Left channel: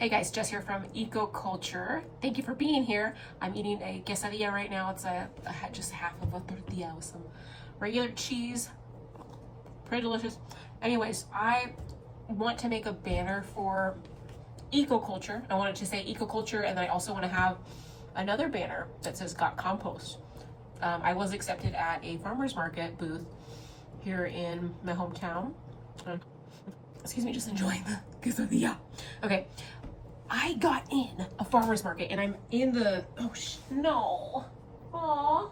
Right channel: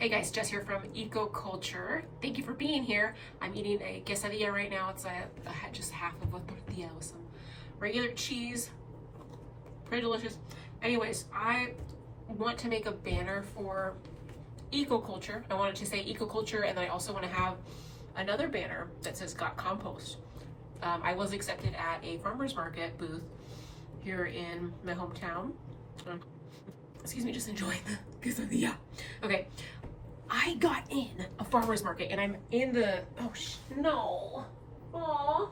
Hey guys, Jess here from EcoCulture. Thank you for being here. I'm eating a quesadilla right now. It's just half of a tortilla with some regular cheese. Pretty delicious. Anyways, I want to make a banner for EcoCulture. I want it to say EcoCulture, and then I also want to have another banner that says Got Compost. I was accepted at a farmer's market booth here in my hometown. Excuse me, just enjoying the quesadilla. Okay. I got in a farmer's market and I'm in the, no. Aw,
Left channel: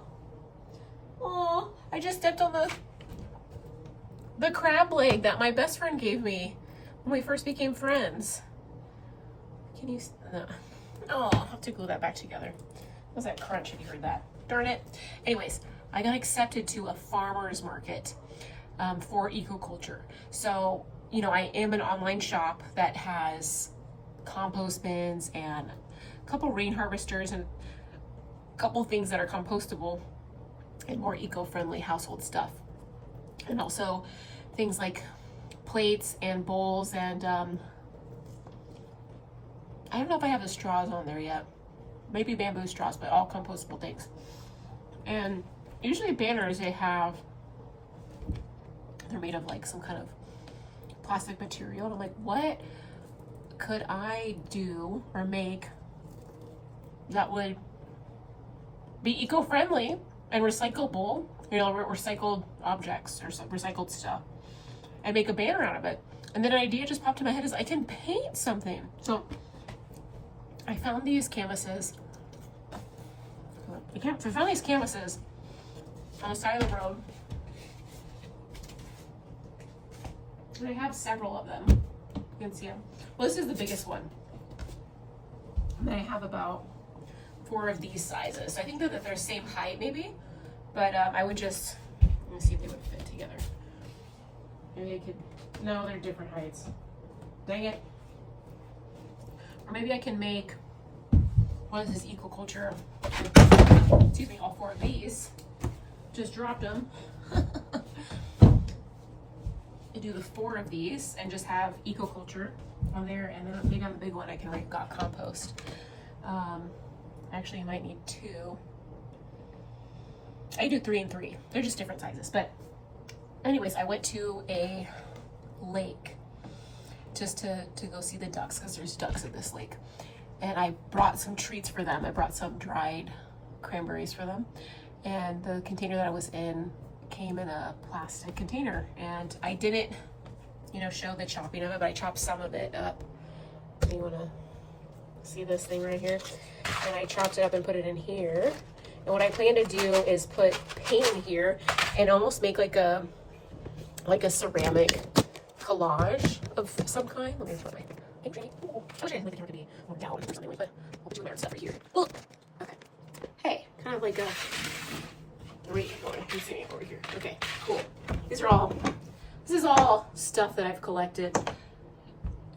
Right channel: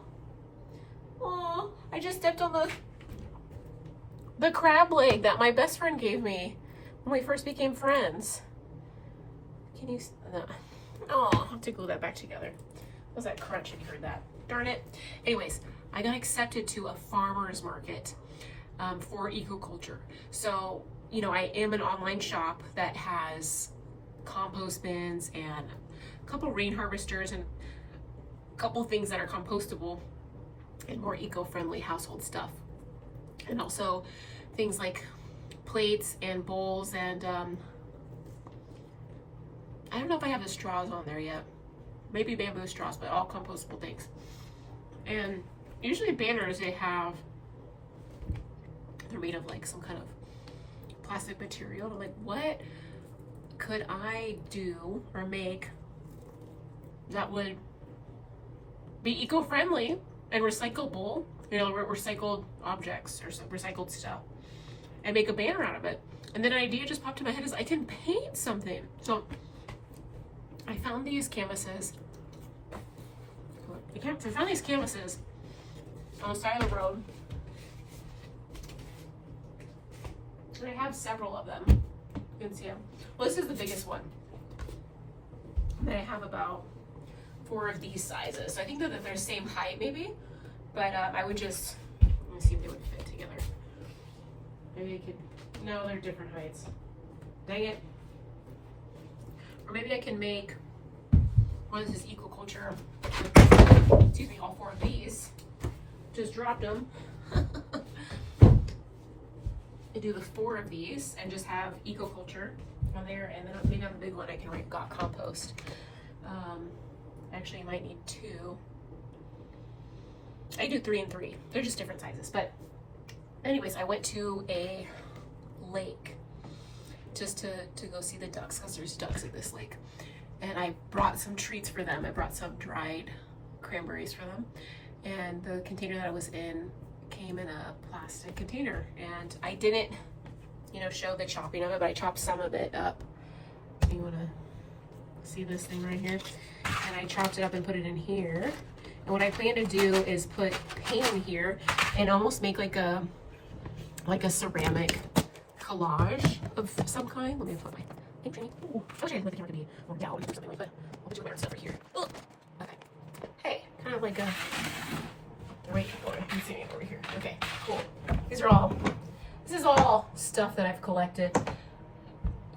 I just stepped on the crab leg that my best friend gave me when we first became friends. Can you, no. Oh, I'll have to glue that back together. What was that crunch if you heard that? Darn it. Anyways, I got accepted to a farmer's market for EcoCulture. So, you know, I am an online shop that has compost bins and a couple rain harvesters and a couple things that are compostable and more eco-friendly household stuff, and also things like plates and bowls and I don't know if I have the straws on there yet, maybe bamboo straws, but all compostable things. And usually banners, they're made of like some kind of plastic material, and I'm like, what could I do or make that would be eco-friendly and recyclable, you know, recycled objects or some recycled stuff, and make a banner out of it. And then an idea just popped in my head is I can paint something. So I found these canvases. I found these canvases on the side of the road. And I have several of them. You can see them. Well, this is the biggest one. And I have about 4 of these sizes. So I think that they're the same height maybe, but I would just, let me see if they would fit together. Maybe they could, no, they're different heights. Dang it. Or maybe I can make, what is this, EcoCulture, excuse me, all 4 of these. Just dropped them. Do the 4 of these and just have EcoCulture on there, and then maybe on the big one I can write Got Compost. Actually I might need 2. I do 3 and 3. They're just different sizes. But anyways, I went to a lake just to go see the ducks, because there's ducks at this lake, and I brought some treats for them. I brought some dried cranberries for them, and the container that I was in came in a plastic container, and I didn't, you know, show the chopping of it, but I chopped some of it up. You want to see this thing right here? And I chopped it up and put it in here. And what I plan to do is put paint in here and almost make like a ceramic collage of some kind. Let me put my thing. Oh, I wish I had the camera to be more down or something like that. I'll put some weird stuff right here. Oh, okay. Hey, kind of like a. Wait, I'm seeing it over here. Okay, cool. This is all stuff that I've collected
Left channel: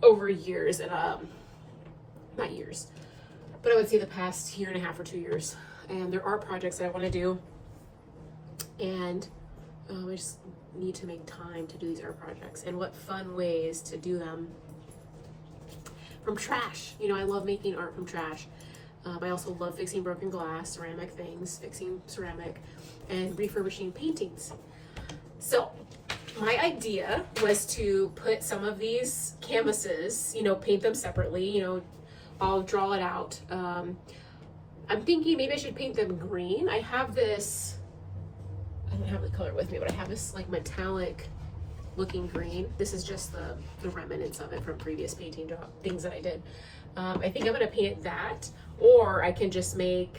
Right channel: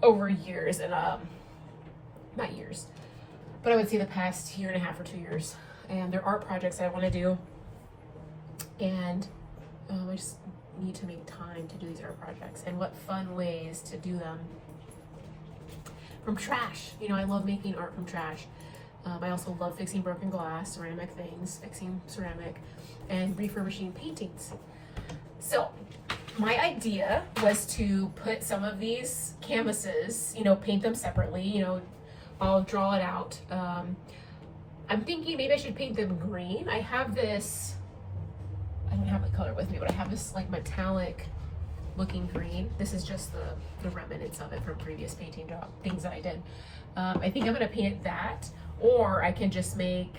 over years, and not years, but I would say the past 1.5 or 2 years. And there are projects that I want to do, and I just need to make time to do these art projects. And what fun ways to do them from trash. You know, I love making art from trash. I also love fixing broken glass, ceramic things, fixing ceramic, and refurbishing paintings. So my idea was to put some of these canvases, you know, paint them separately, you know, I'll draw it out. I'm thinking maybe I should paint them green. I have this, I don't have the color with me, but I have this like metallic looking green. This is just the remnants of it from previous painting things that I did. I think I'm gonna paint it that, or I can just make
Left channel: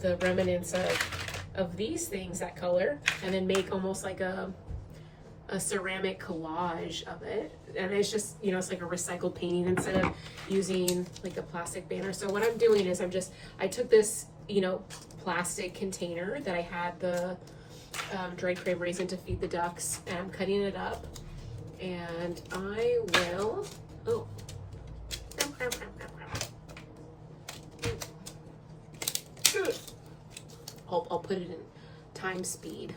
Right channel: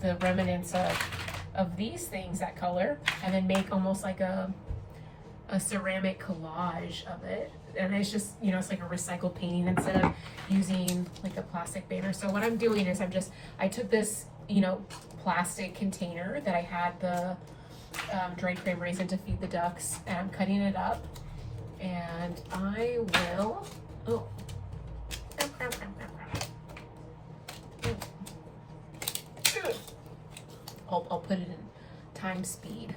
the remnants of these things that color, and then make almost like a ceramic collage of it. And it's just, you know, it's like a recycled painting instead of using like a plastic banner. So what I'm doing is I took this, you know, plastic container that I had the dried cranberries in to feed the ducks, and I'm cutting it up, and I will, I'll put it in time speed,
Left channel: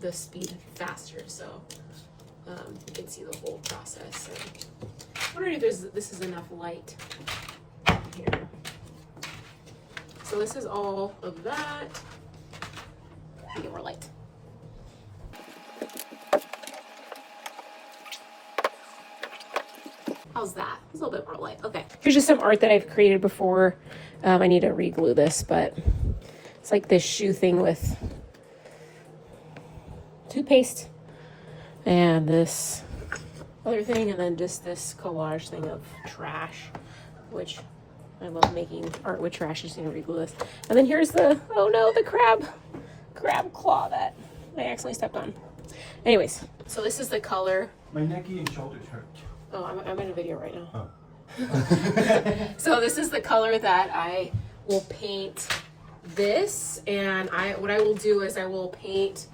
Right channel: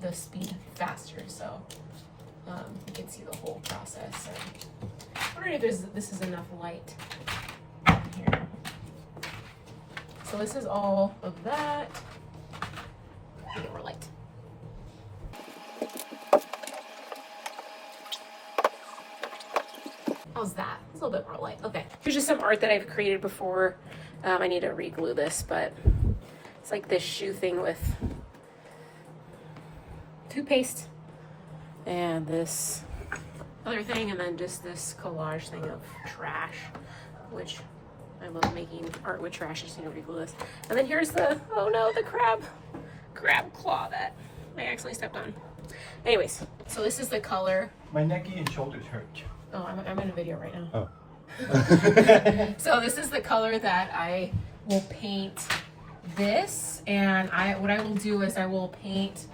the speed faster, so you can see the whole process. And I'm wondering if this is enough light So this is all of that. Get more light. How's that? It's a little bit more light. Okay. Here's just some art that I've created before. I need to re-glue this, but it's like this shoe thing with toothpaste and this other thing, and then just this collage thing of trash, which I love making art with trash. Just need to re-glue this. And then here's the, oh no, the crab claw that I accidentally stepped on. Anyways, so this is the color. My necky and shoulders hurt. Oh, I'm in a video right now. Oh. So this is the color that I will paint this, and what I will do is I will paint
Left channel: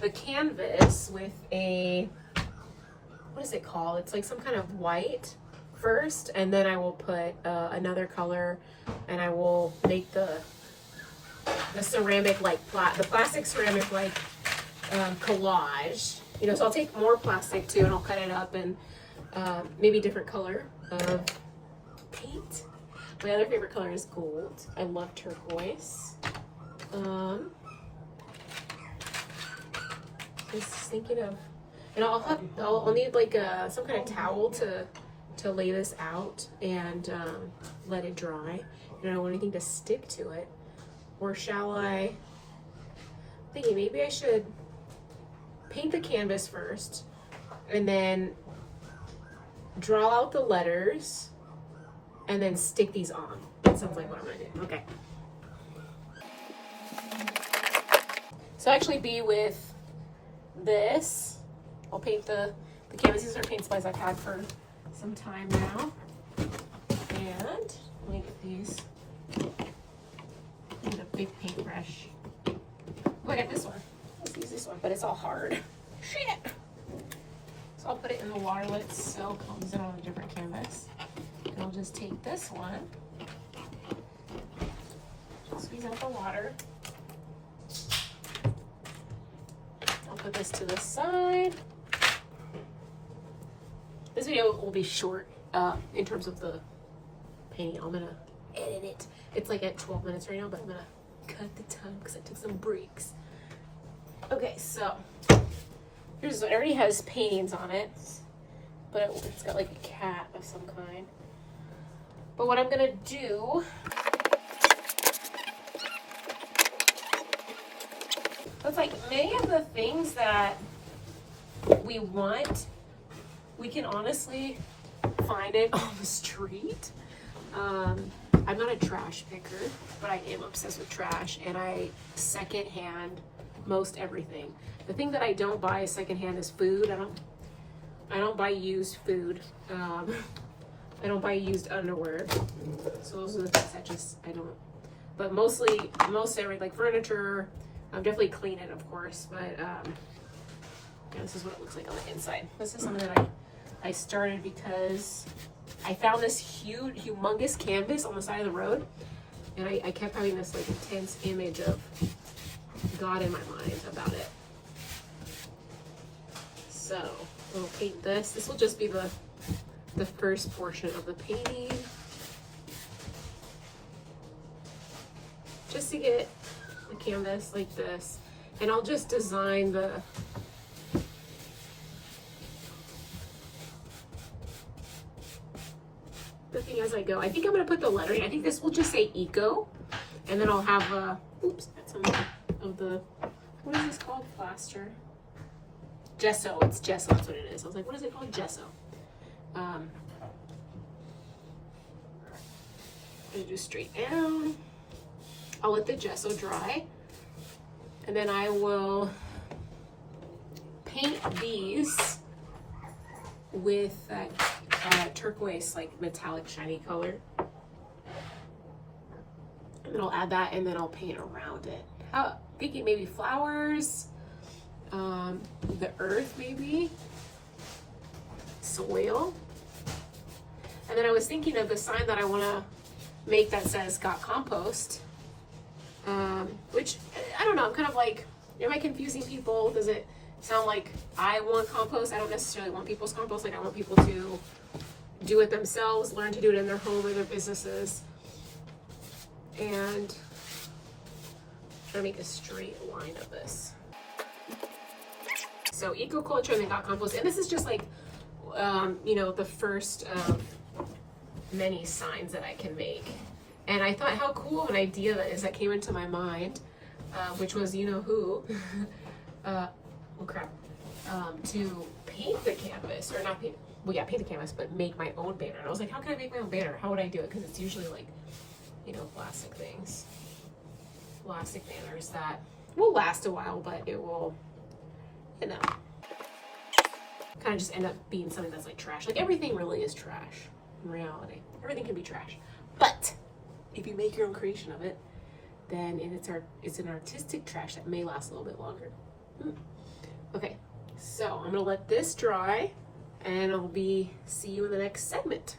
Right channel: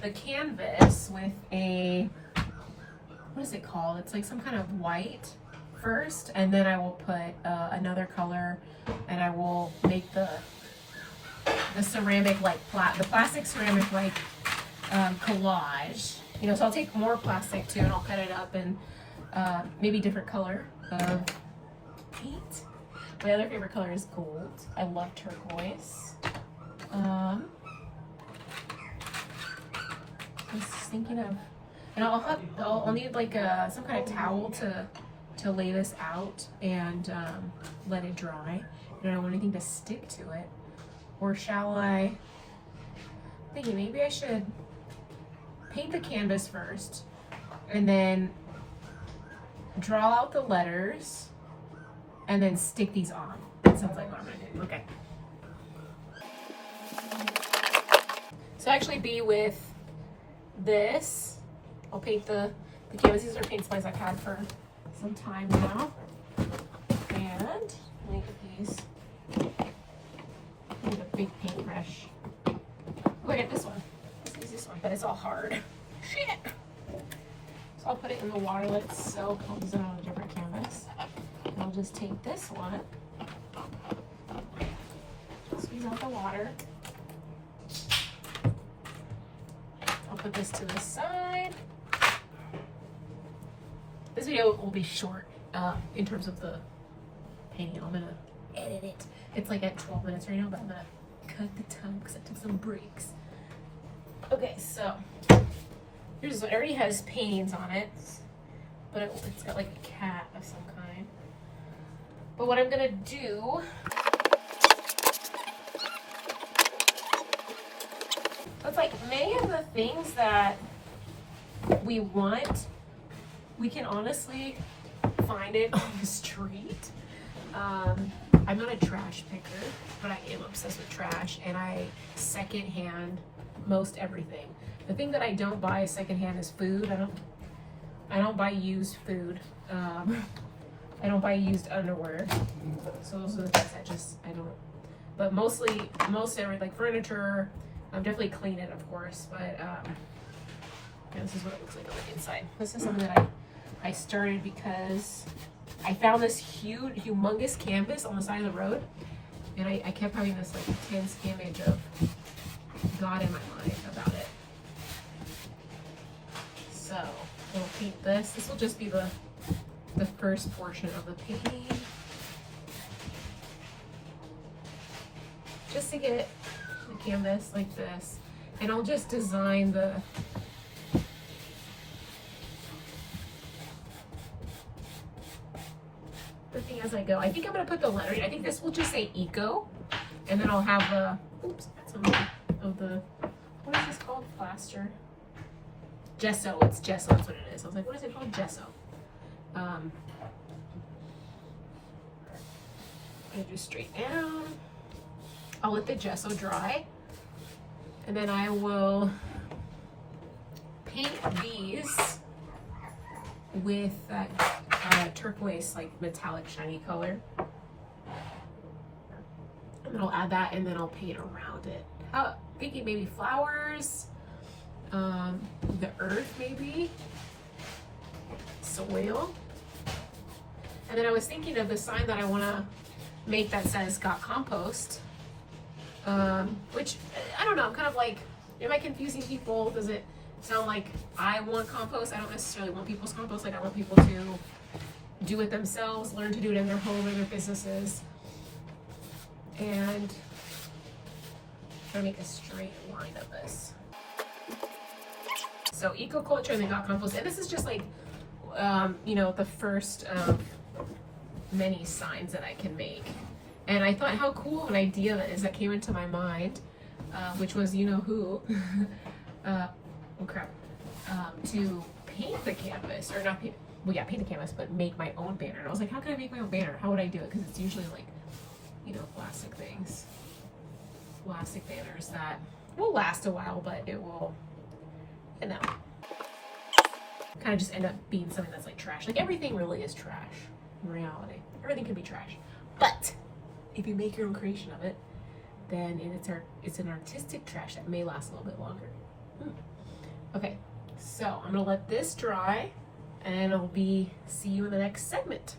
the canvas with a, what is it called? It's like some kind of white first, and then I will put another color, and I will make the ceramic like the plastic ceramic like collage. You know, so I'll take more plastic too, and I'll cut it up and maybe different color of paint. My other favorite color is gold. I love turquoise. I was thinking of, and I'll need like some kind of towel to lay this out and let it dry. I don't want anything to stick to it. Or shall I'm thinking maybe I should paint the canvas first and then draw out the letters and then stick these on. That sounds like what I'm gonna do. Okay. So actually be with this. I'll paint the canvas. These are paint supplies I've had for some time now. And let me get these. I need a big paintbrush. Oh, I got this one. Let's use this one, but it's all hard. Shit! So I'll put it in the water, let it soak. I'll use it on a different canvas. And I'll just take this one, squeeze out the water. I'll put this to the side. This video will be short in terms of the painting. I'm gonna edit it. It's like at 12 minutes right now, but I'm gonna cut the time because I took some breaks. Okay, so it already has paintings on it, but it's got like a cat of some kind. But what I'm gonna do, it's like many of the things that we want, we can honestly find it on the street. I'm not a trash picker, but I am obsessed with trash, and I secondhand most everything. The thing that I don't buy secondhand is food. I don't buy used food. I don't buy used underwear. So those are the things I don't. But most everything, like furniture, I'm definitely clean it, of course. But yeah, this is what it looks like on the inside. This is something that I started because I found this humongous canvas on the side of the road, and I kept having this like intense image of God in my mind about it. So I'll paint this. This will just be the first portion of the painting, just to get the canvas like this, and I'll just design the thing as I go. I think I'm gonna put the lettering. I think this will just say eco, and then I'll have some of the, what is this called? Plaster. Gesso. It's gesso. That's what it is. I was like, what is it called? Gesso. I'm gonna do straight down. I'll let the gesso dry, and then I will paint these with that turquoise, like metallic shiny color. And then I'll add that, and then I'll paint around it. Thinking maybe flowers, the earth maybe, soil. And then I was thinking of the sign that I want to make that says "Got Compost," which I don't know. I'm kind of like, am I confusing people? Does it sound like I want compost? I don't necessarily want people's compost. Like I want people to do it themselves, learn to do it in their home or their businesses. And trying to make a straight line of this. So EcoCulture and then got Compost, and this is just like, you know, the first of many signs that I can make. And I thought how cool of an idea that is that came into my mind, which was, you know who, oh crap, to paint the canvas, or not paint, well yeah, paint the canvas, but make my own banner. And I was like, how can I make my own banner? How would I do it? Because it's usually like, you know, plastic things, plastic banners that will last a while, but it will, you know, kind of just end up being something that's like trash. Like everything really is trash in reality. Everything can be trash. But if you make your own creation of it, then it's an artistic trash that may last a little bit longer. Okay, so I'm gonna let this dry and I'll see you in the next segment.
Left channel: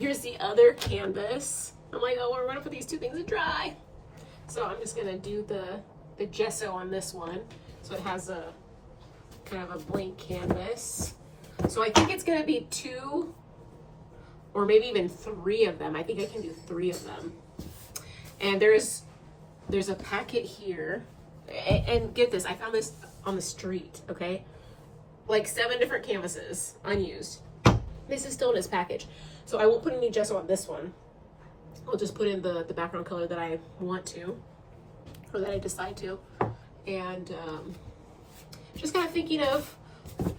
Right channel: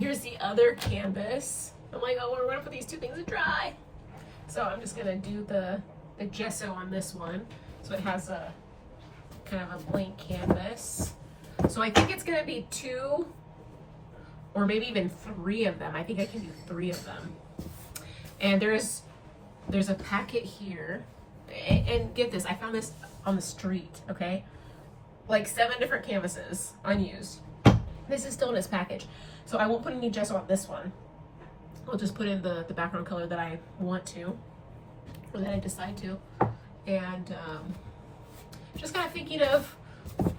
Here's the other canvas. I'm like, oh, we're gonna put these two things to dry. So I'm just gonna do the gesso on this one. So it has a kind of a blank canvas. So I think it's gonna be 2 or maybe even 3 of them. I think I can do 3 of them. And there's a packet here. And get this, I found this on the street, okay? Like 7 different canvases, unused. This is still in this package. So I won't put any gesso on this one. I'll just put in the background color that I want to, or that I decide to. And just kind of thinking of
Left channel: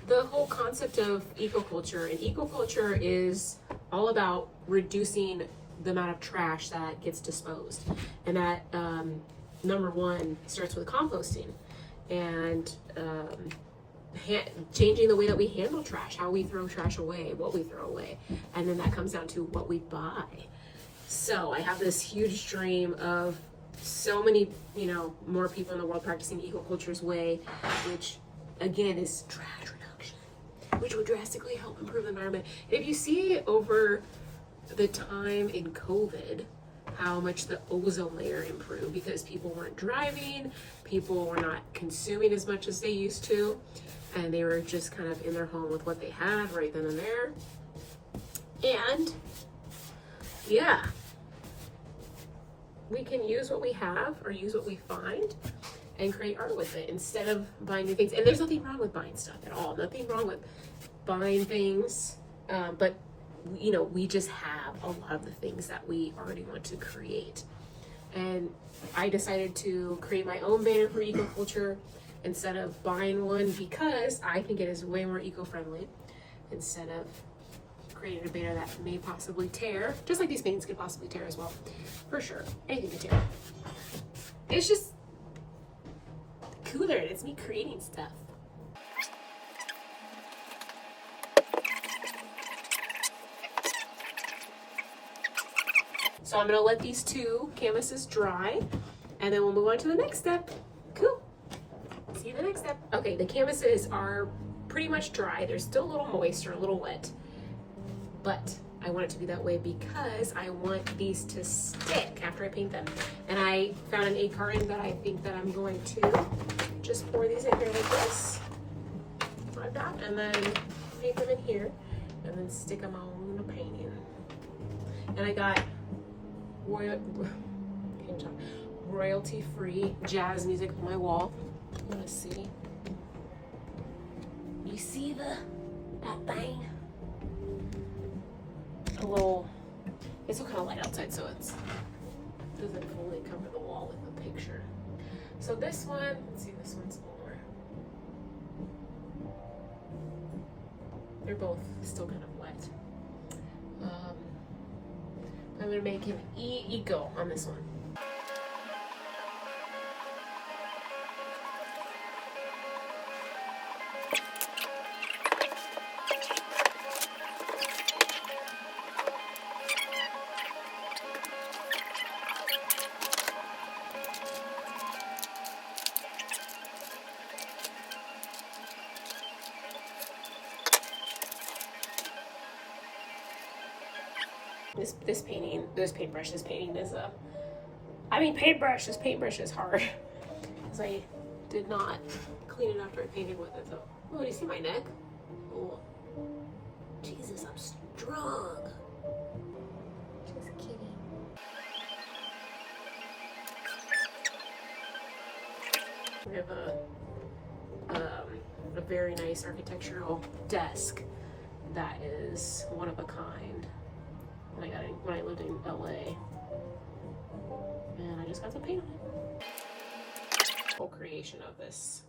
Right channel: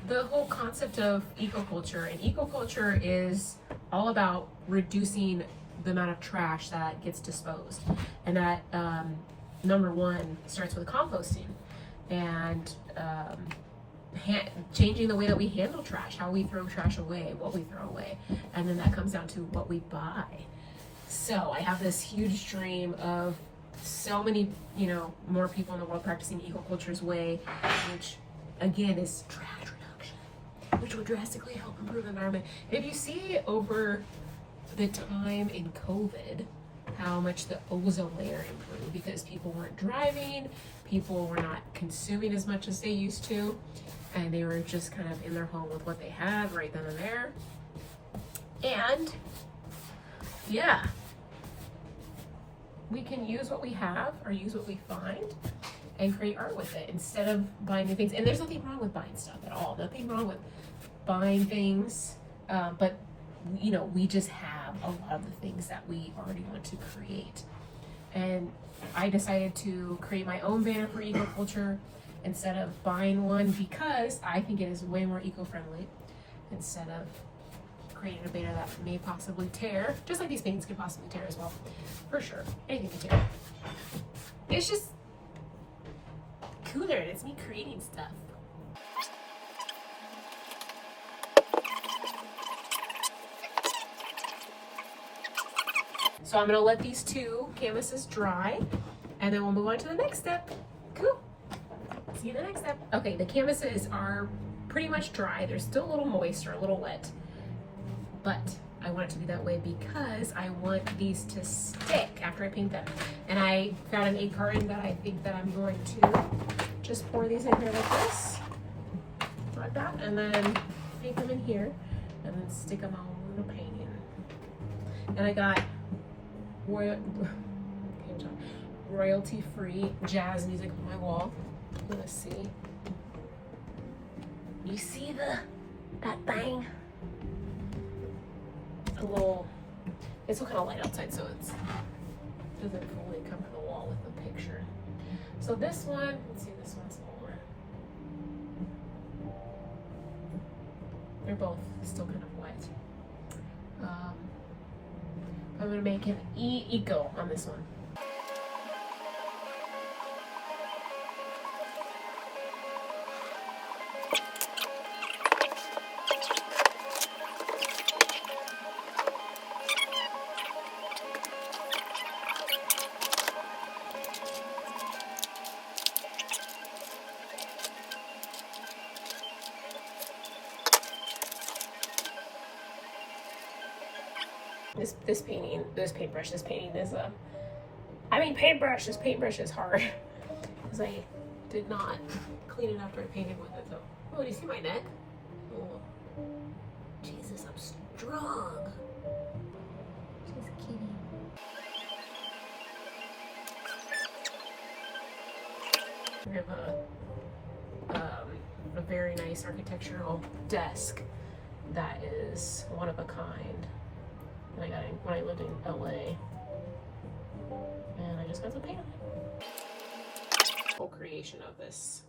the whole concept of EcoCulture. And EcoCulture is all about reducing the amount of trash that gets disposed. And that, number 1, starts with composting. And changing the way that we handle trash, how we throw trash away, what we throw away. And then that comes down to what we buy. So I have this huge dream of so many, you know, more people in the world practicing EcoCulture's way, which again is trash reduction, which would drastically help improve the environment. If you see over the time in COVID, how much the ozone layer improved because people weren't driving, people were not consuming as much as they used to, and they were just kind of in their home with what they had right then and there. And yeah, we can use what we have or use what we find and create art with it instead of buying new things. And there's nothing wrong with buying stuff at all. Nothing wrong with buying things, but you know, we just have a lot of the things that we already want to create. And I decided to create my own banner for EcoCulture instead of buying one because I think it is way more eco-friendly instead of creating a banner that may possibly tear, just like these paintings could possibly tear as well, for sure. Anything could tear. It's just cooler. It's me creating stuff. So I'm gonna let these 2 canvases dry and then we'll move on to the next step. Cool. See you in the next step. Okay, the canvases are pretty much dry. They're still a little moist or a little wet, but I want it to be that way because I want these to stick after I paint them. And I found an egg carton that I think that I'm going to just pour these in here like this, like that, and then paint them in here and then stick them all in a painting. And I got royalty-free jazz music on my wall. Let's see. You see that thing? A little. It's still kind of light outside, so it doesn't fully cover the wall with the picture. So this one, let's see, this one's more. They're both still kind of wet. I'm gonna make an eco on this one. This painting is paintbrush is hard because I did not clean it after I painted with it. So, oh, do you see my neck? Oh, Jesus, I'm strong. Just kidding. We have a very nice architectural desk that is one of a kind. And I got it when I lived in LA. And I just got some paint on it. Whole creation of this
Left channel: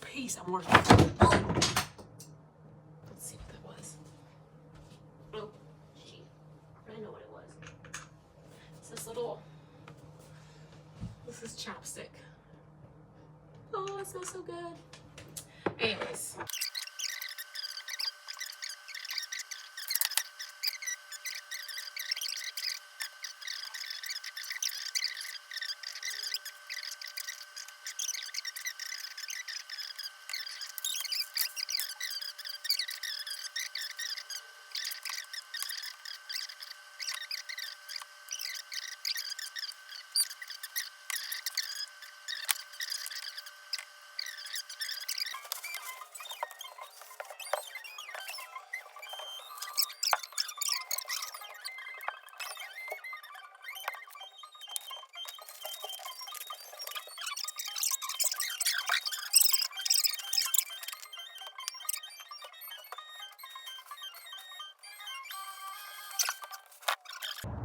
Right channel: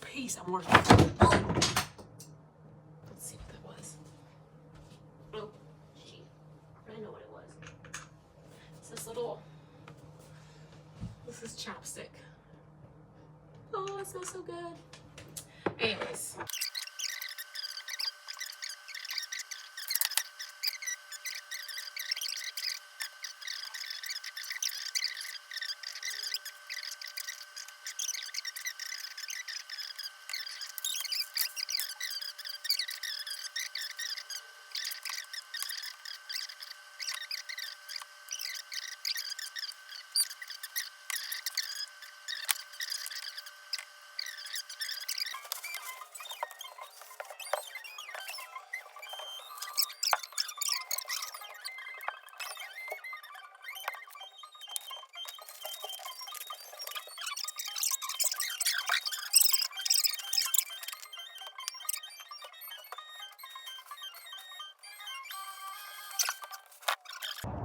piece I'm working on. Let's see what that was. Oh, gee. I know what it was. It's this is chapstick. Oh, it smells so good. Anyways.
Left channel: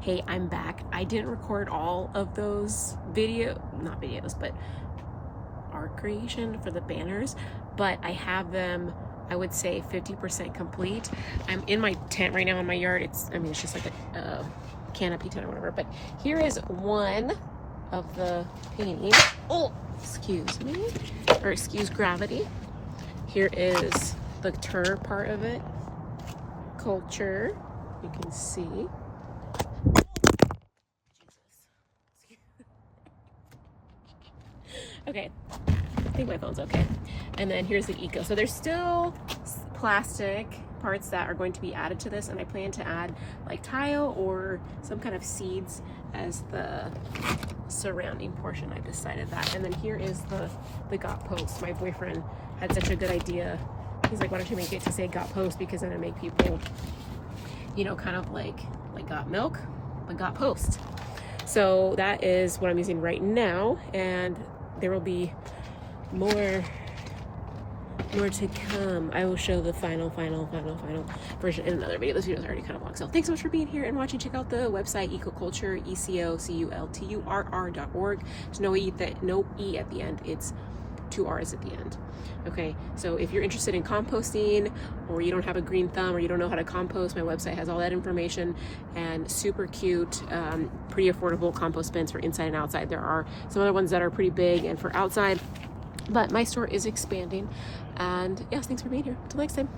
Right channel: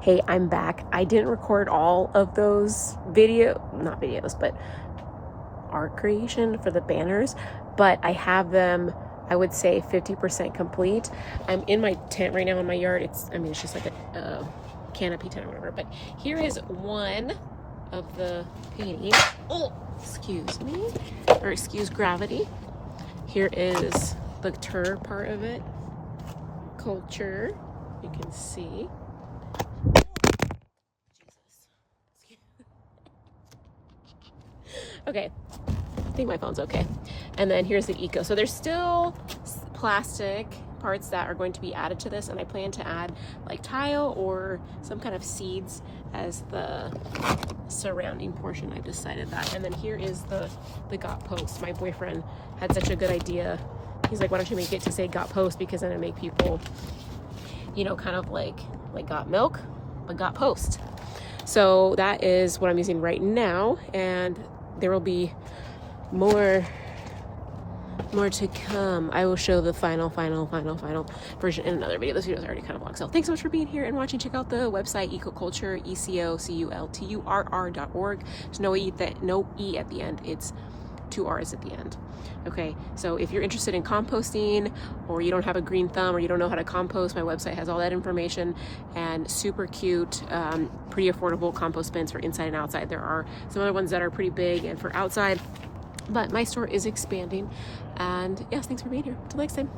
Hey, I'm back. I didn't record all of those not videos, but art creation for the banners, but I have them, I would say 50% complete. I'm in my tent right now in my yard. It's just like a canopy tent or whatever, but here is one of the paintings. Oh, excuse me, or excuse gravity. Here is the tur part of it. Culture, you can see. Okay, I think my phone's okay. And then here's the eco. So there's still plastic parts that are going to be added to this, and I plan to add like tile or some kind of seeds as the surrounding portion. I've decided that. And then here is the got post. My boyfriend had such a good idea. He's like, why don't you make it to say got post, because then it make people, you know, kind of like got milk, but got post. So that is what I'm using right now, and there will be more to come. I will show the final version in another video. This video is already kind of long. So thanks so much for being here and watching. Check out the website, EcoCulture, EcoCulturr.org. There's no E at the end. It's 2 R's at the end. Okay, so if you're interested in composting, or you don't have a green thumb, or you don't know how to compost, my website has all that information, and super cute, pretty affordable compost bins for inside and outside. There are some other ones that are pretty big and for outside, but my store is expanding. And yes, thanks for being here. Until next time.